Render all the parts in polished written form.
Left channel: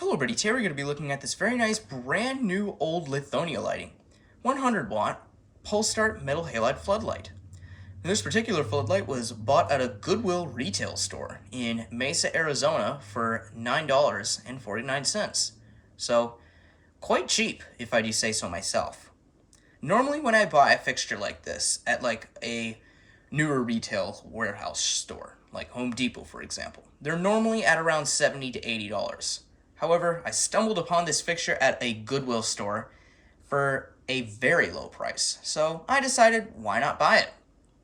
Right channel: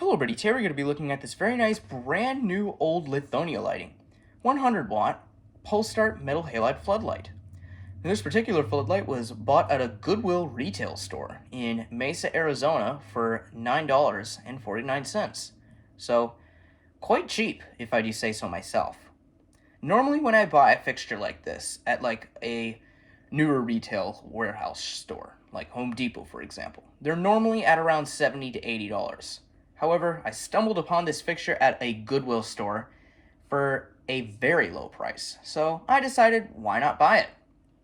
Hello everybody, today we're going to be looking at this very nice brand new old Lithonia lighting. 100 watt pulse start metal halide floodlight. This particular floodlight was bought at a Goodwill retail store in Mesa, Arizona for $9.49. So quite cheap if I do say so myself. Normally when I buy a fixture like this at like a newer retail warehouse store, like Home Depot for example, they're normally at around $70 to $80. However, I stumbled upon this fixture at a Goodwill store for a very low price, so I decided why not buy it.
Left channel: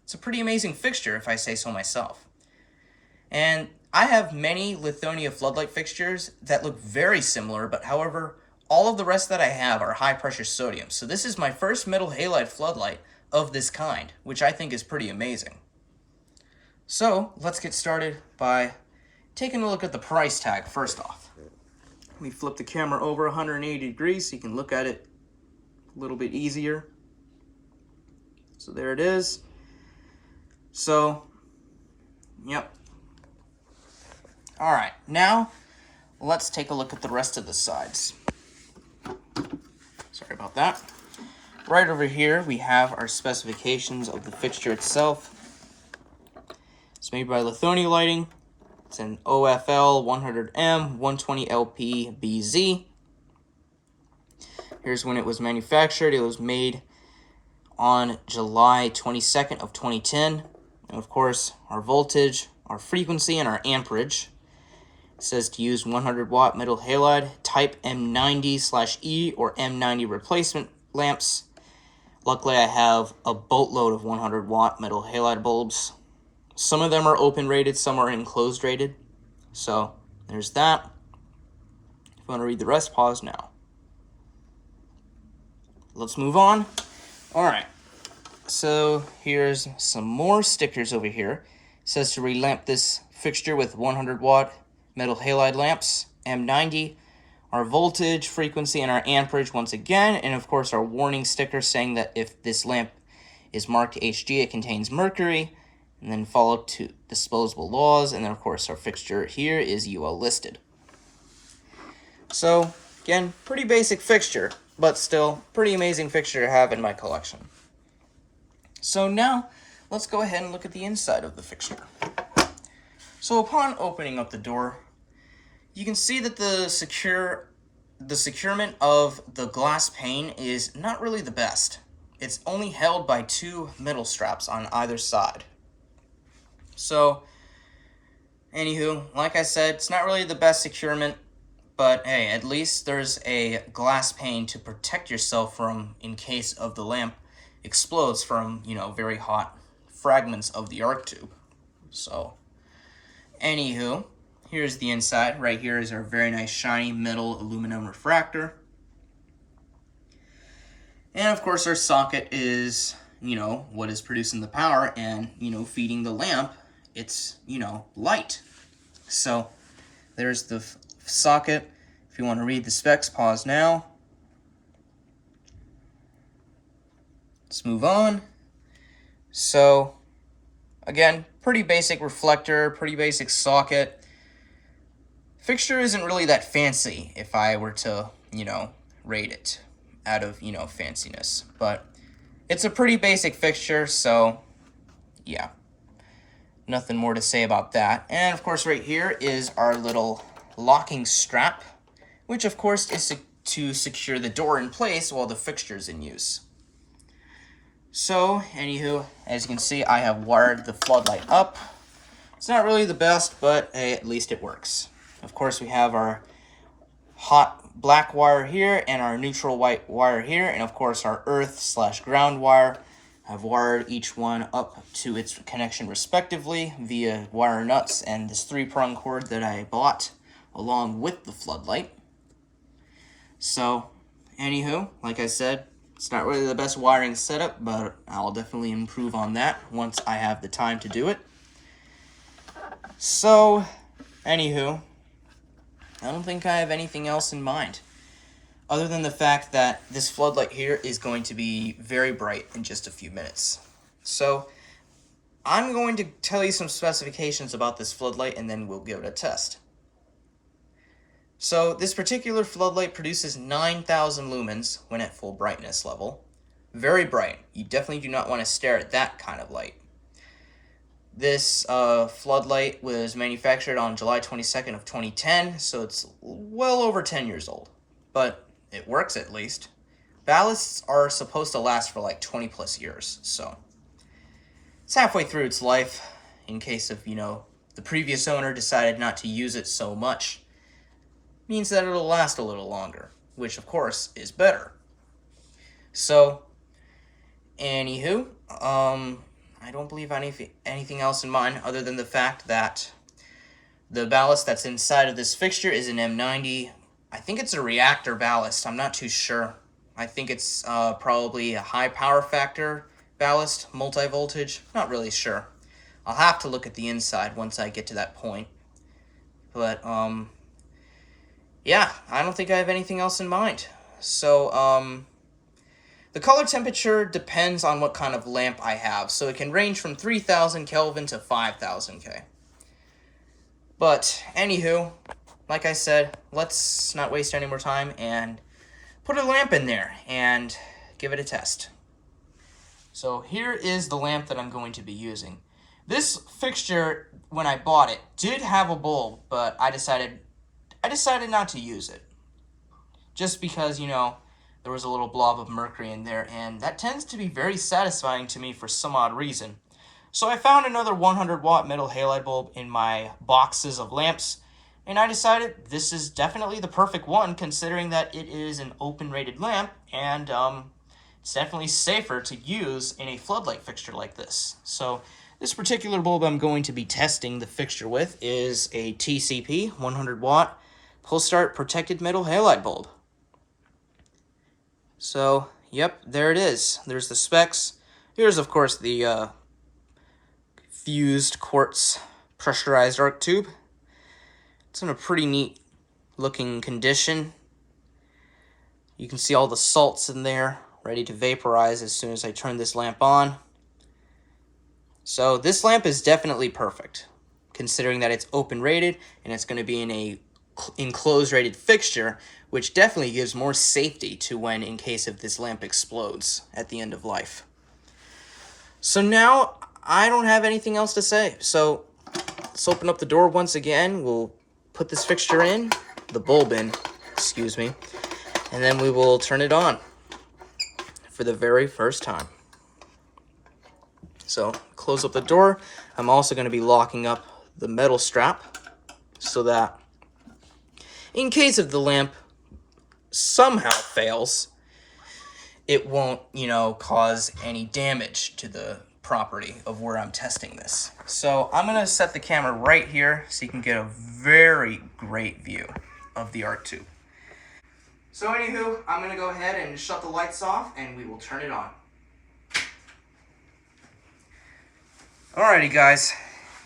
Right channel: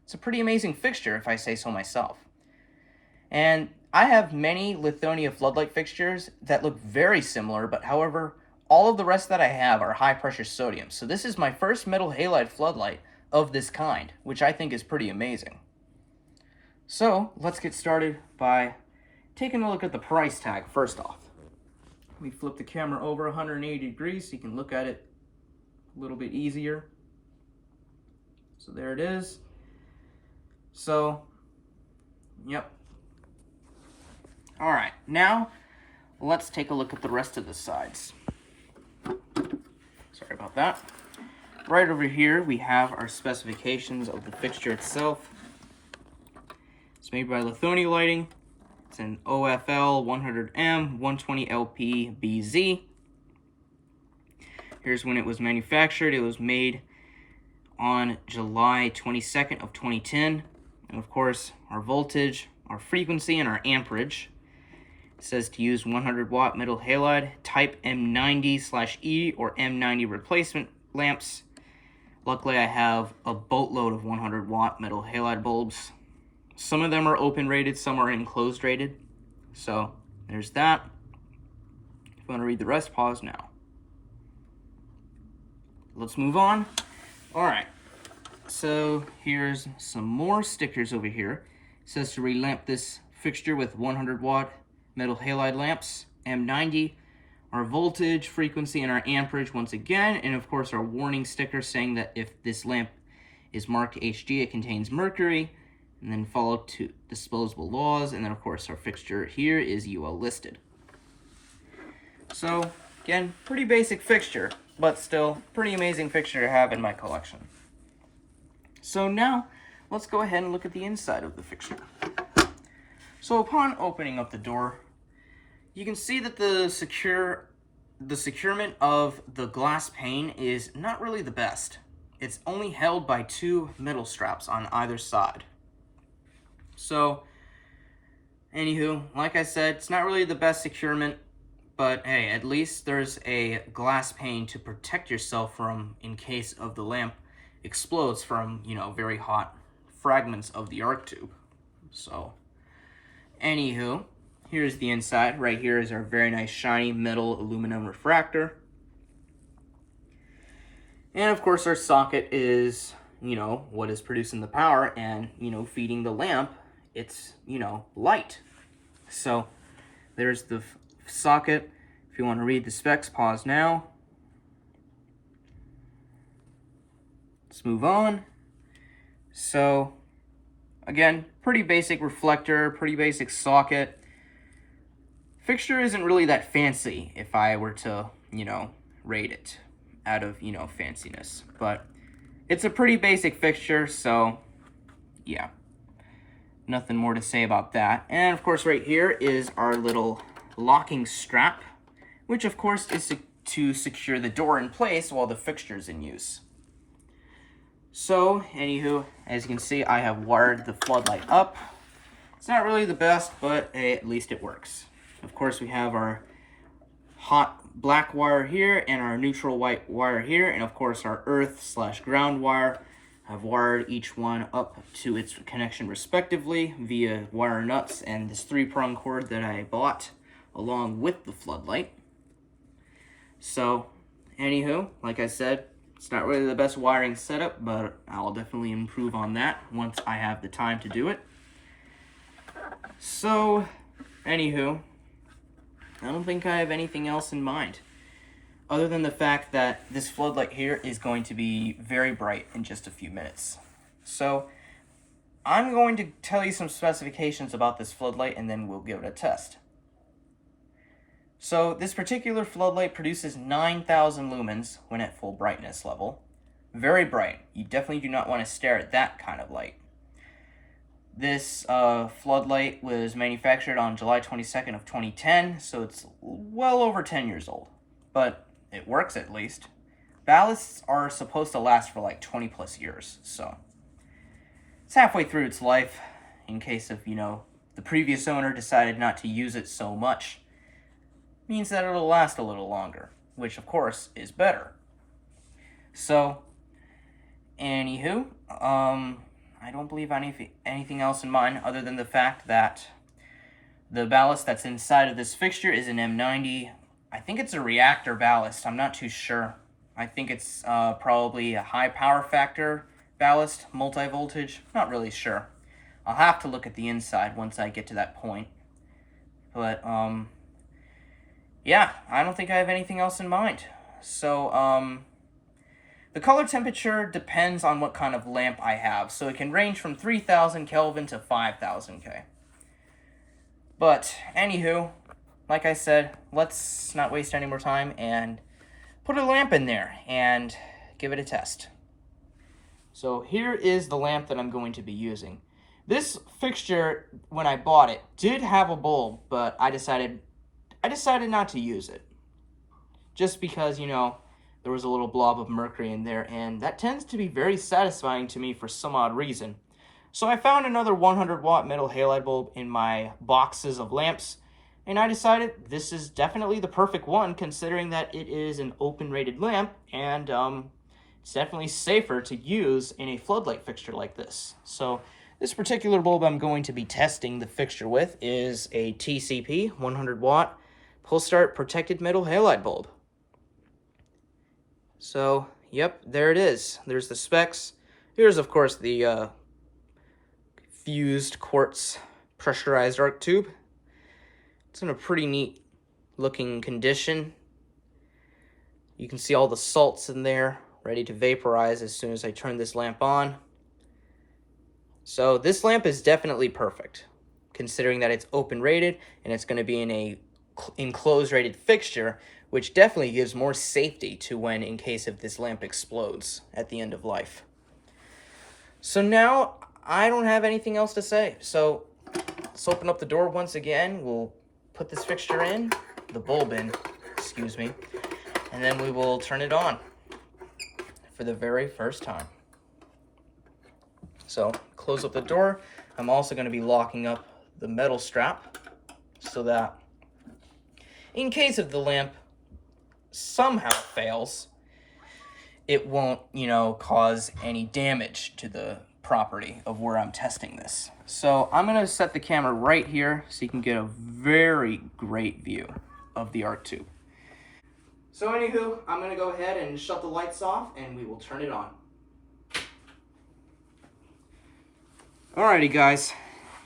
It's a pretty amazing fixture if I say so myself. And I have many Lithonia floodlight fixtures that look very similar, but however, all of the rest that I have are high pressure sodium. So this is my first metal halide floodlight of this kind, which I think is pretty amazing. So let's get started by taking a look at the price tag first off. Let me flip the camera over 180 degrees so you can look at it a little bit easier. So there it is. So, yep. All right, now let's take a look at the rest of the sides. Sorry about that. Right over here, we have our specifications of the fixture itself. It's made by Lithonia Lighting. It's an OFL 100M 120LP BZ. Here's when it was manufactured. It was made on July 22nd of 2010. And of course, our voltage, our frequency, and our amperage. It says to use 100 watt metal halide type M90/E or M90 replacement lamps. Luckily, I have a boatload of 100 watt metal halide bulbs. Some of them are open rated, some are enclosed rated. So there's that. If you want to read the rest, pause now. Let's move on. All right. So here's some more stickers over here. It says to relamp this fixture with 100 watt metal halide lamps, M90, our voltage, frequency, and our amperage once again. And of course our warning sticker saying that if this lamp is marked HG, it contains mercury. And then follow to disposable laws, and then of course our fixture here is UL listed. So again, pretty basic fixture, but still pretty amazing fixture to have in my collection. So now let's go ahead and look at the inside of the fixture. So upon opening up the door, you can see that the securement of the glass pane is not really the best. It's only held by two metal straps on either side. So, anywho, like I said, it's not really the best securement, but hey, at least there's a glass pane to protect yourself from in case of the lamp explodes from, very hot fragments of the arc tube. So, anywho, here's the inside. Right here is our very nice shiny metal aluminum refractor. And of course our socket is, what is producing the power and, feeding the lamp its, light. So there's the socket. If you want to read the specs, pause now. Let's move on. So again, pretty basic reflector, pretty basic socket. Fixture isn't really that fancy if I were to, rate it out of, fanciness. But it's a pretty basic fixture, so yeah. Nothing more to say about that. And of course right here is our little locking strap, which of course is to secure the door in place while the fixture is in use. So, anywho, as you can see, I have wired the floodlight up. It's not really the best, but hey, at least it works. Of course, we have our hot black wire here and our neutral white wire here, and of course our earth/ground wire. I've wired each one up to its connection respectively via wire nuts and this 3-prong cord that I bought along with the floodlight. So, anywho, like I said, it's not really the best wiring setup, but I'll definitely improve on that once I have the time to do it. So, anywho, I don't think I have anything else in mind, other than the fact that this floodlight here is going to be very bright in just a few minutes. So I'm going to tell you some specifications about this floodlight and then we'll give it a test. So this particular floodlight produces 9,000 lumens when at full brightness level. Very bright. You definitely do not want to stare at that kind of light. This floodlight was manufactured on July 22nd of 2010, so it's well over 10 years old. But it works at least. Ballasts are supposed to last for like 20 plus years, so it's halfway through its life in case of, the previous owner decided not to use it so much. Means that it'll last a little longer, which of course is better. So, anywho, I don't believe anything else in mind other than the fact that the ballast that's inside of this fixture is an M90. I think it's a reactor ballast. I'm not too sure. I think it's probably a high power factor ballast, multi-voltage. Not really sure. I'll have to look at the inside once I get to that point. But, yeah, I don't think I have anything else in mind. So, the color temperature depends on what kind of lamp I have, so it can range from 3000 Kelvin to 5000 K. But, anywho, like I said, let's not waste any more time and put a lamp in there and give it a test. So here is the lamp that I'm going to be using. This fixture, when I bought it, did have a bulb, but I decided not to use it. Just because, there was a little blob of mercury in there, and that tends to be very satisfying to me for some odd reason. So I found another 100 watt metal halide bulb in my boxes of lamps, and I decided this is definitely the perfect one considering that it is an open rated lamp, and it's definitely safer to use in a floodlight fixture like this. So this particular bulb I'm going to be testing the fixture with is a TCP 100 watt pull start protected metal halide bulb. So, yep, there it is. There's the specs. Here's, of course, the fused quartz pressurized arc tube. It's in a pretty neat looking condition. You can see all the salts in there, ready to vaporize as soon as I turn this lamp on. So this lamp is definitely perfect, considering that it's open rated and it's going to be in a enclosed rated fixture, which definitely gives more safety to when in case if this lamp explodes at the end of life. So now I don't have anything else to say. So let's open up the door once again. We'll put this fixture in, the bulb in, excuse me, and then we will turn it on for the very first time. So close up the door. I'm also going to be locking up the metal strap so that in case of the lamp somehow fails, it won't, cause any damage to the property of where I'm testing this. So I'm going to set the camera right here so you can get a very great view of the arc tube. So anywho, I'm going to go ahead and shut the lights off and we will turn it on. Alrighty guys,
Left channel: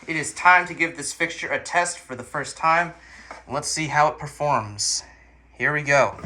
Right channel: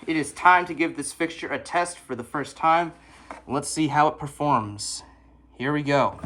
it is time to give this fixture a test for the first time. Let's see how it performs. Here we go.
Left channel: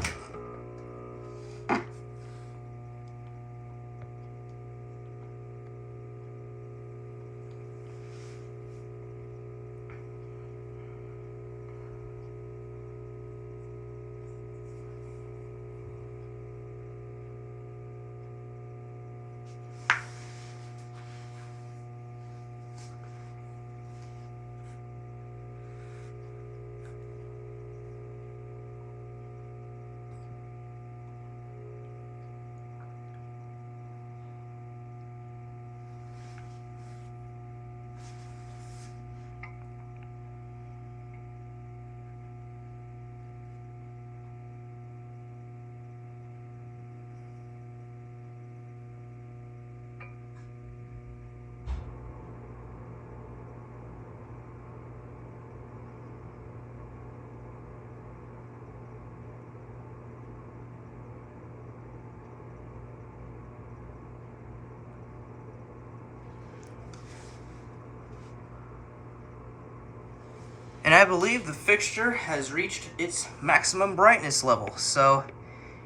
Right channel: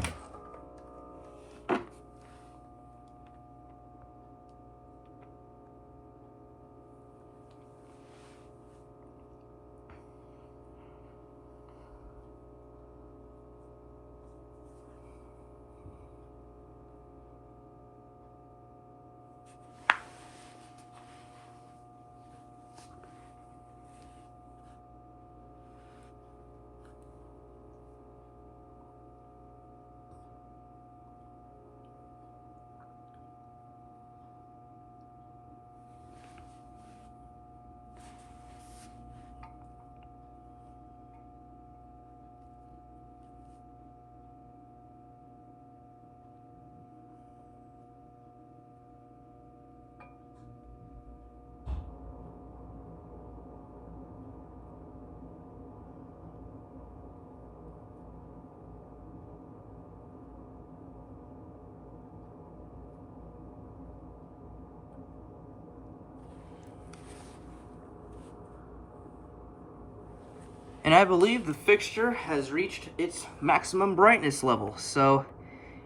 And I believe the fixture has reached its maximum brightness level. So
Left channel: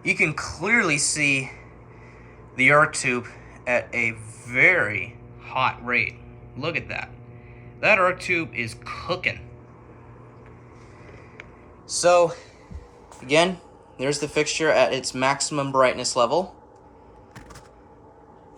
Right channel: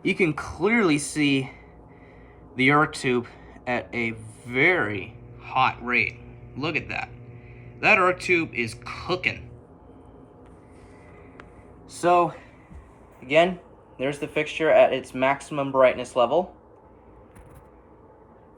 you can clearly see the arc tube at a very hot rate. Look at that. That arc tube is cooking. So Again, there's the fixture at its maximum brightness level.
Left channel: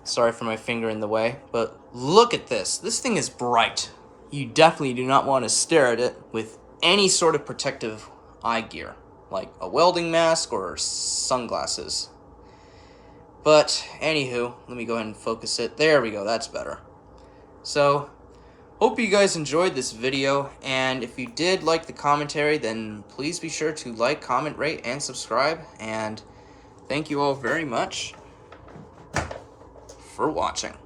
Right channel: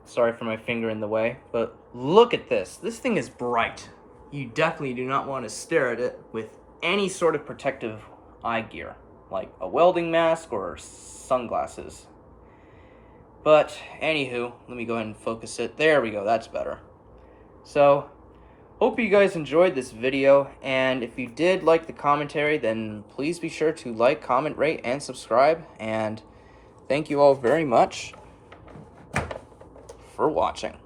Sorry for my finger in the way, but look at this. This thing is bright. You definitely do not want to stare at it with any sort of protective eye gear, like a welding mask or sunglasses. But anywho, let me go ahead and focus it. There we go, that's better. So, hope you guys enjoyed this video, and if you did like the commentary, then please be sure to like, comment, rate, and subscribe, and thank you all very much for watching.